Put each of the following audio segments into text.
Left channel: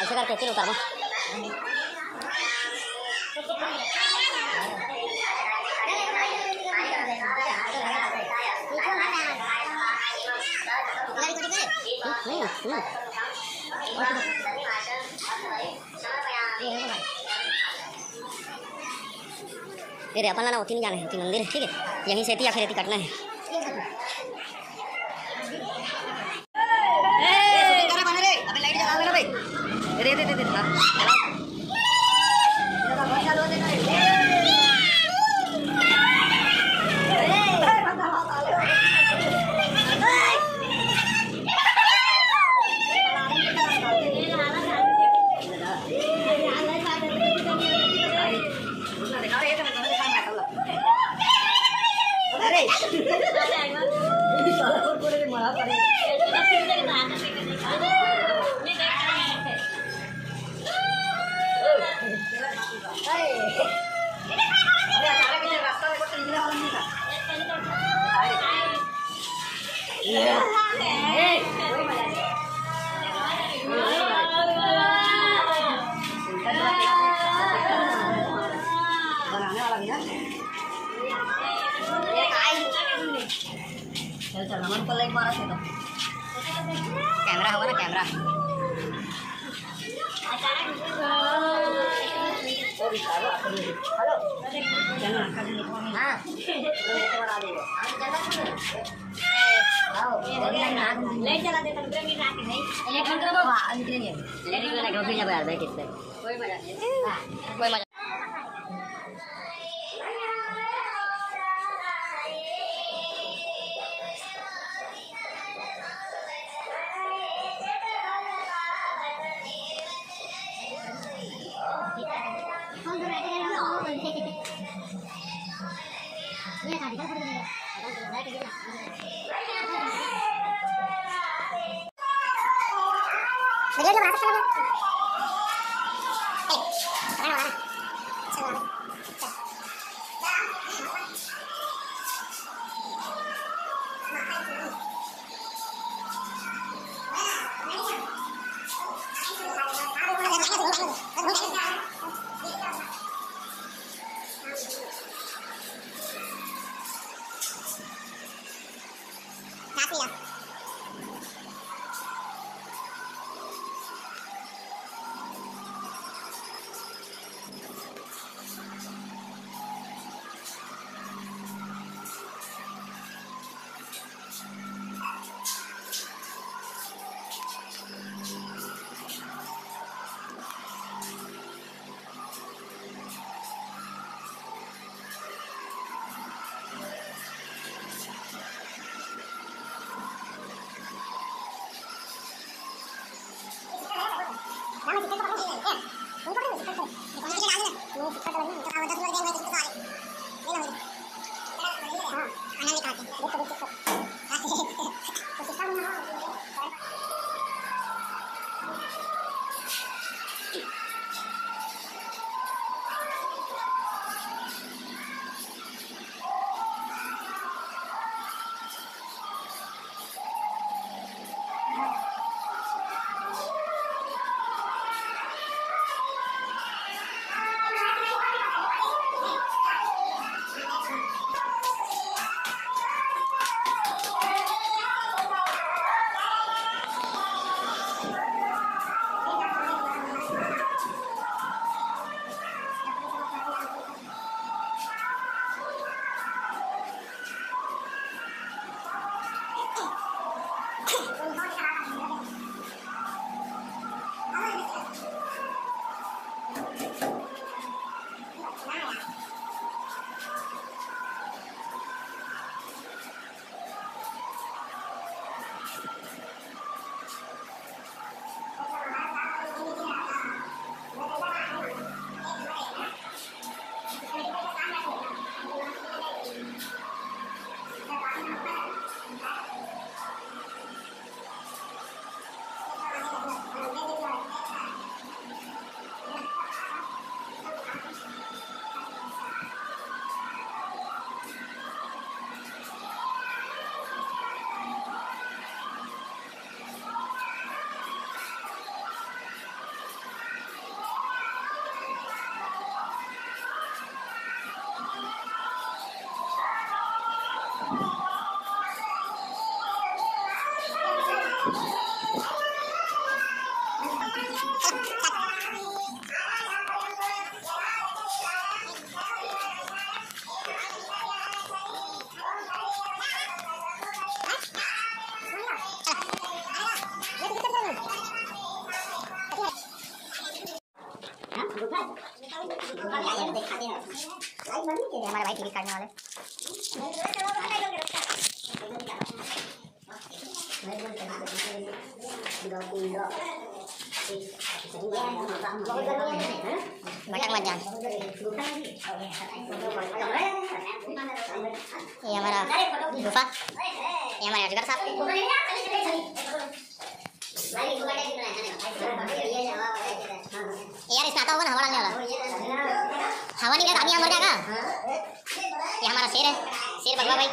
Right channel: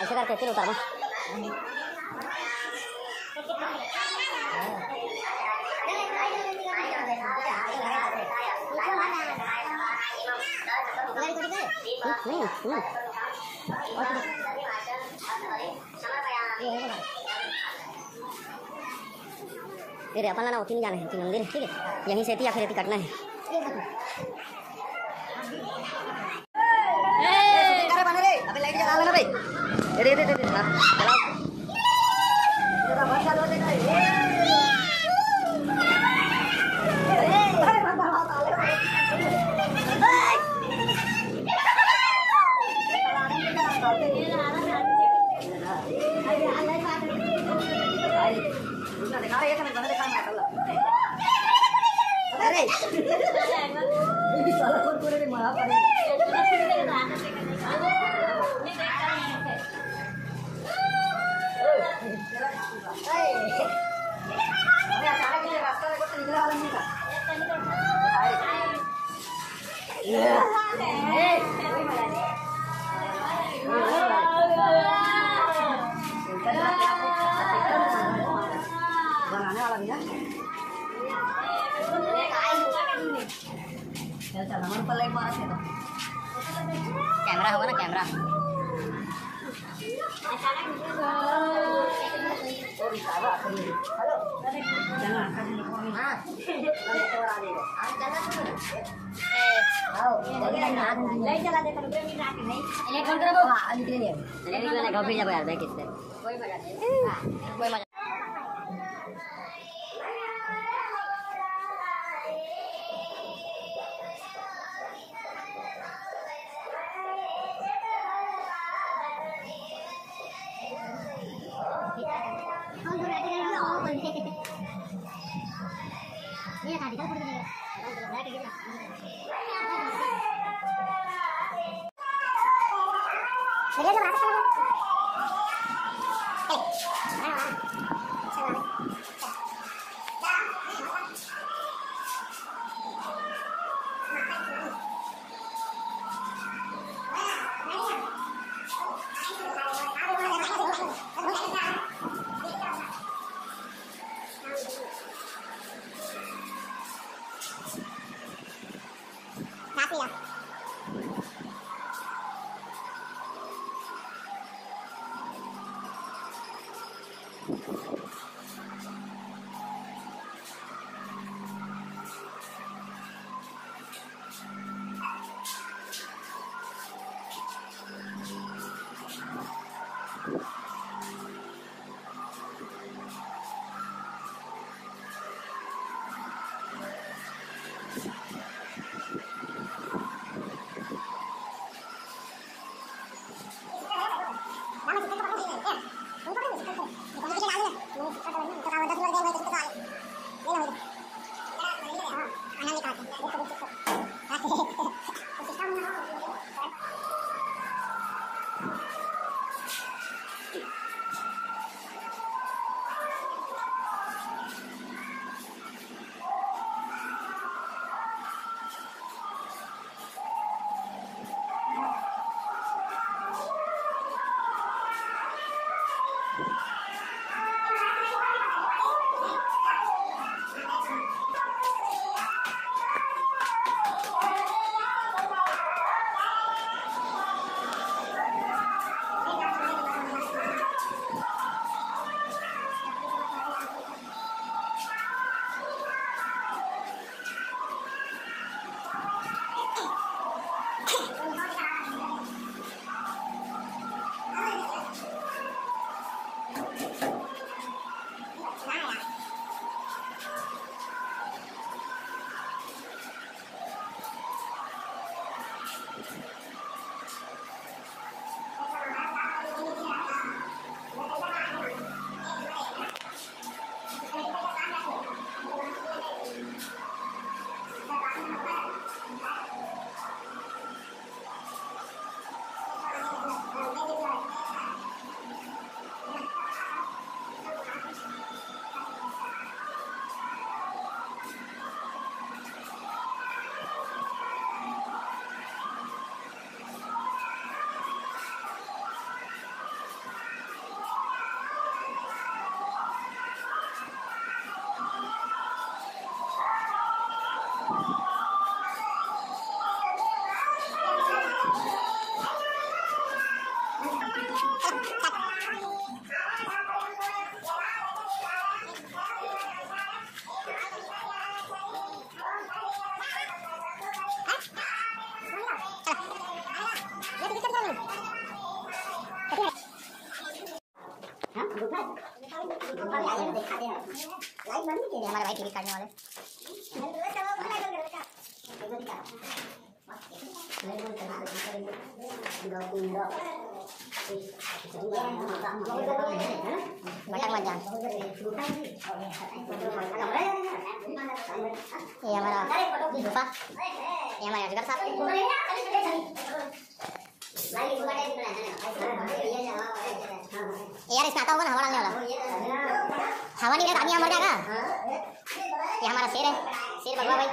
ऐसे करके फिर उतारो। ये अपन ना होती नहीं जाना है, होती मंदिर है, ठीक है, यहीं से या फिर कटना है। दे दे दे दे चलाओ। चल हमारे को लाइक मारा तो कैमरा होगा ना, कैमरा लाइट चला देता नहीं यार बैठ इससे कोई मजा नहीं, कोई मजा। हमारे भाई टिकट काटने वाले भटक मत जान। ये हमारा गुफा, ये हमारे अजगर साहब। यार इसमें आता होगा ना हवा डालने वाला, हवा नहीं लगा आदमी यहाँ मर जाएगा। ये हमारा शेर है, शेर भगवा भाई।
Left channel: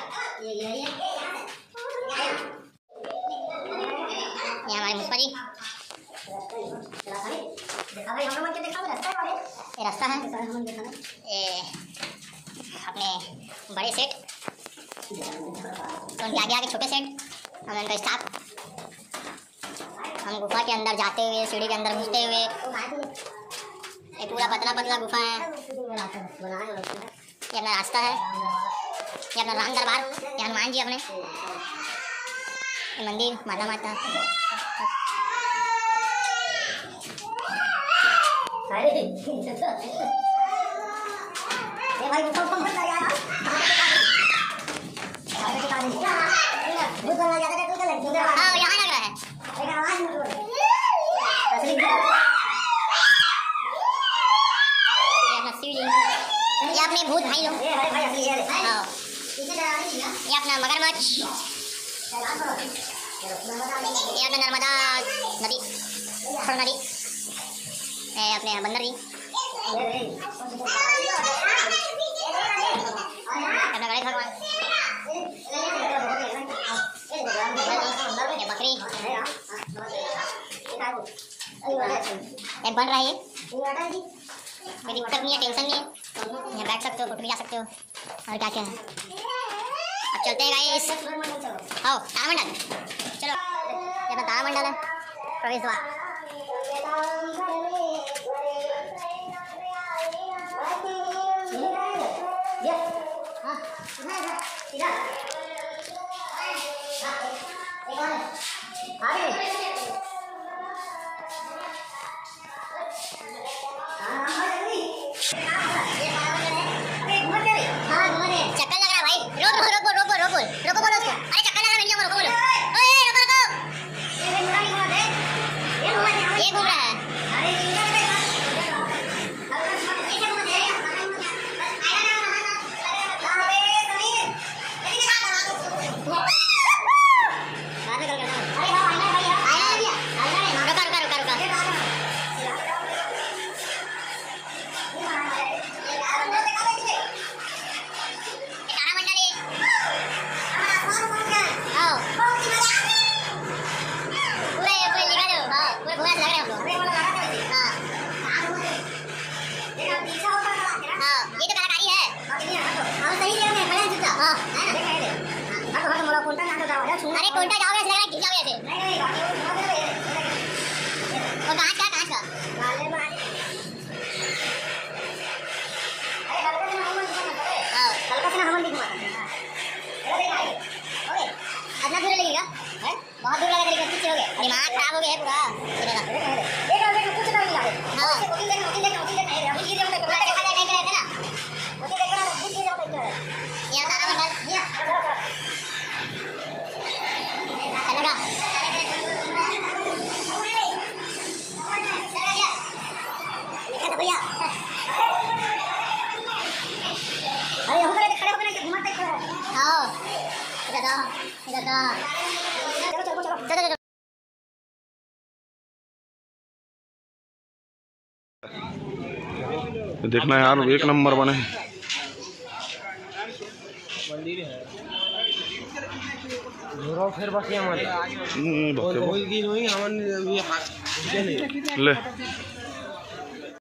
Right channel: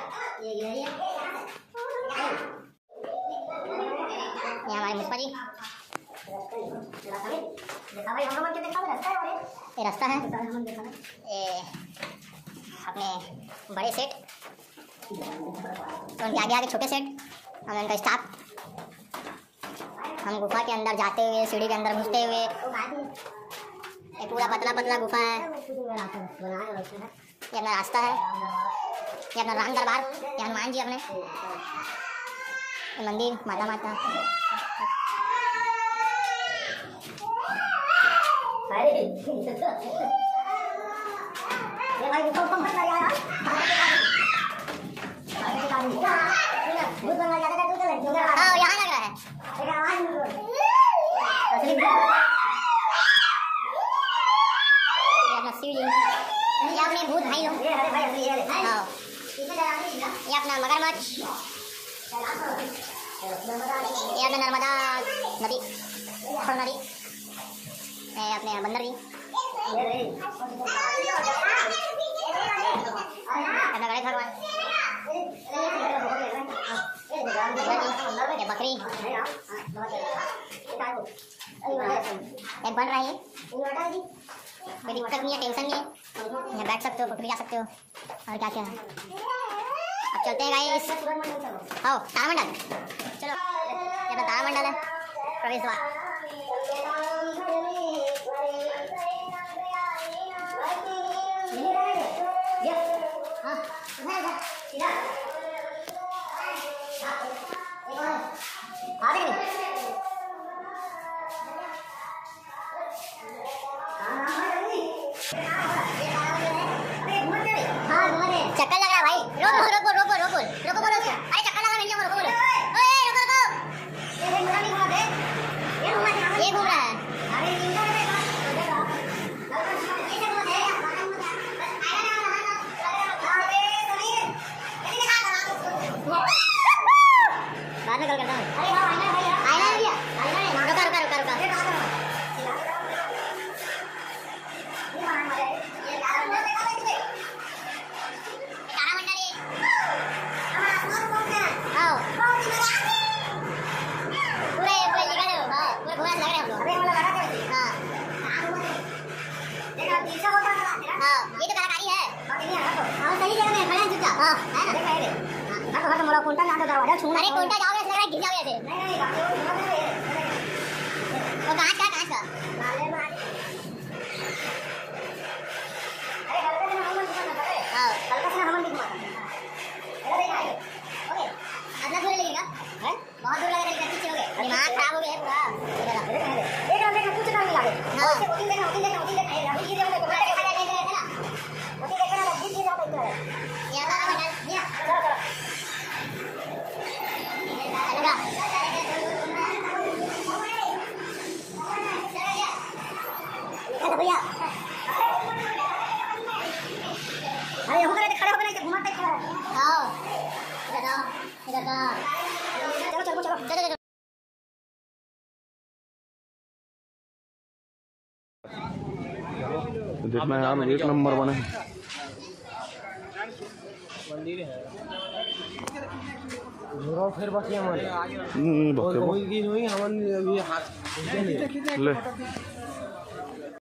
ये हमारे मुस्पा जी, ये रास्ता है। ये अपने बड़े सेठ, तो उनके आगे आगे छोटे सेठ, हम उनका स्टाफ। हम गुफा के अंदर जाते हुए, सीढ़ी के अंदर घुसते हुए, ये पूरा पतला पतला गुफा है। ये अपना रास्ता है, ये अपना राम दरबार, ये हनुमान जी अपने, ये मंदिर माता माता। ये भाई गुफा को मत लगा यार, हाँ यहाँ लग रहा है। ये अपना सीढ़ी, ये अपने भूत भाई लोग, हाँ ये अपना मगरमच्छ, ये अपना नर्मदा नदी, खड़ नदी, ये अपने बंदर जी, अपना गणेश भगवान, ये बकरी, एक बन रहा है। कोई दिक्कत नहीं है, टेंशन नहीं है, यहाँ बैठ सकते हो, फोटो भी जा सकते हो, और क्या क्या है। अब चलते हैं गाइस, आओ तारामंडल, चलो ये तारामंडल है, प्रवेश द्वार। चक्कर लग रहा है भाई, रोको रोको रोको रोको रोको बोलो उसको, अरे चक्कर लगा मैंने रोको बोलो, ओए रोको रोको, ये घूम रहा है। अरे कोंटा जाओगे ऐसे लग रहा है गिर जाओगे ऐसे। वो कांच का हल्का सा हमन दिखवा अदना दूर लगेगा है, बहुत दूर लगेगा, लेकिन पीछे हो गए, दिमाग खराब हो गया है पूरा। देखो देखो कुछ नहीं लगे, हां देखो देखो देखो देखो ये देखो देखो देखा जाए नहीं करे ना, वो देखो ना वो ये देखो देखो ये आता है ये चलो चलो चलो भैया। अरे हम लोग खड़े होकर घुमाते खड़ा है। आओ इधर आओ इधर आओ, चलो चलो चलो चलो देखना यार, एक नंबर बने फिर बाकी हमारे ले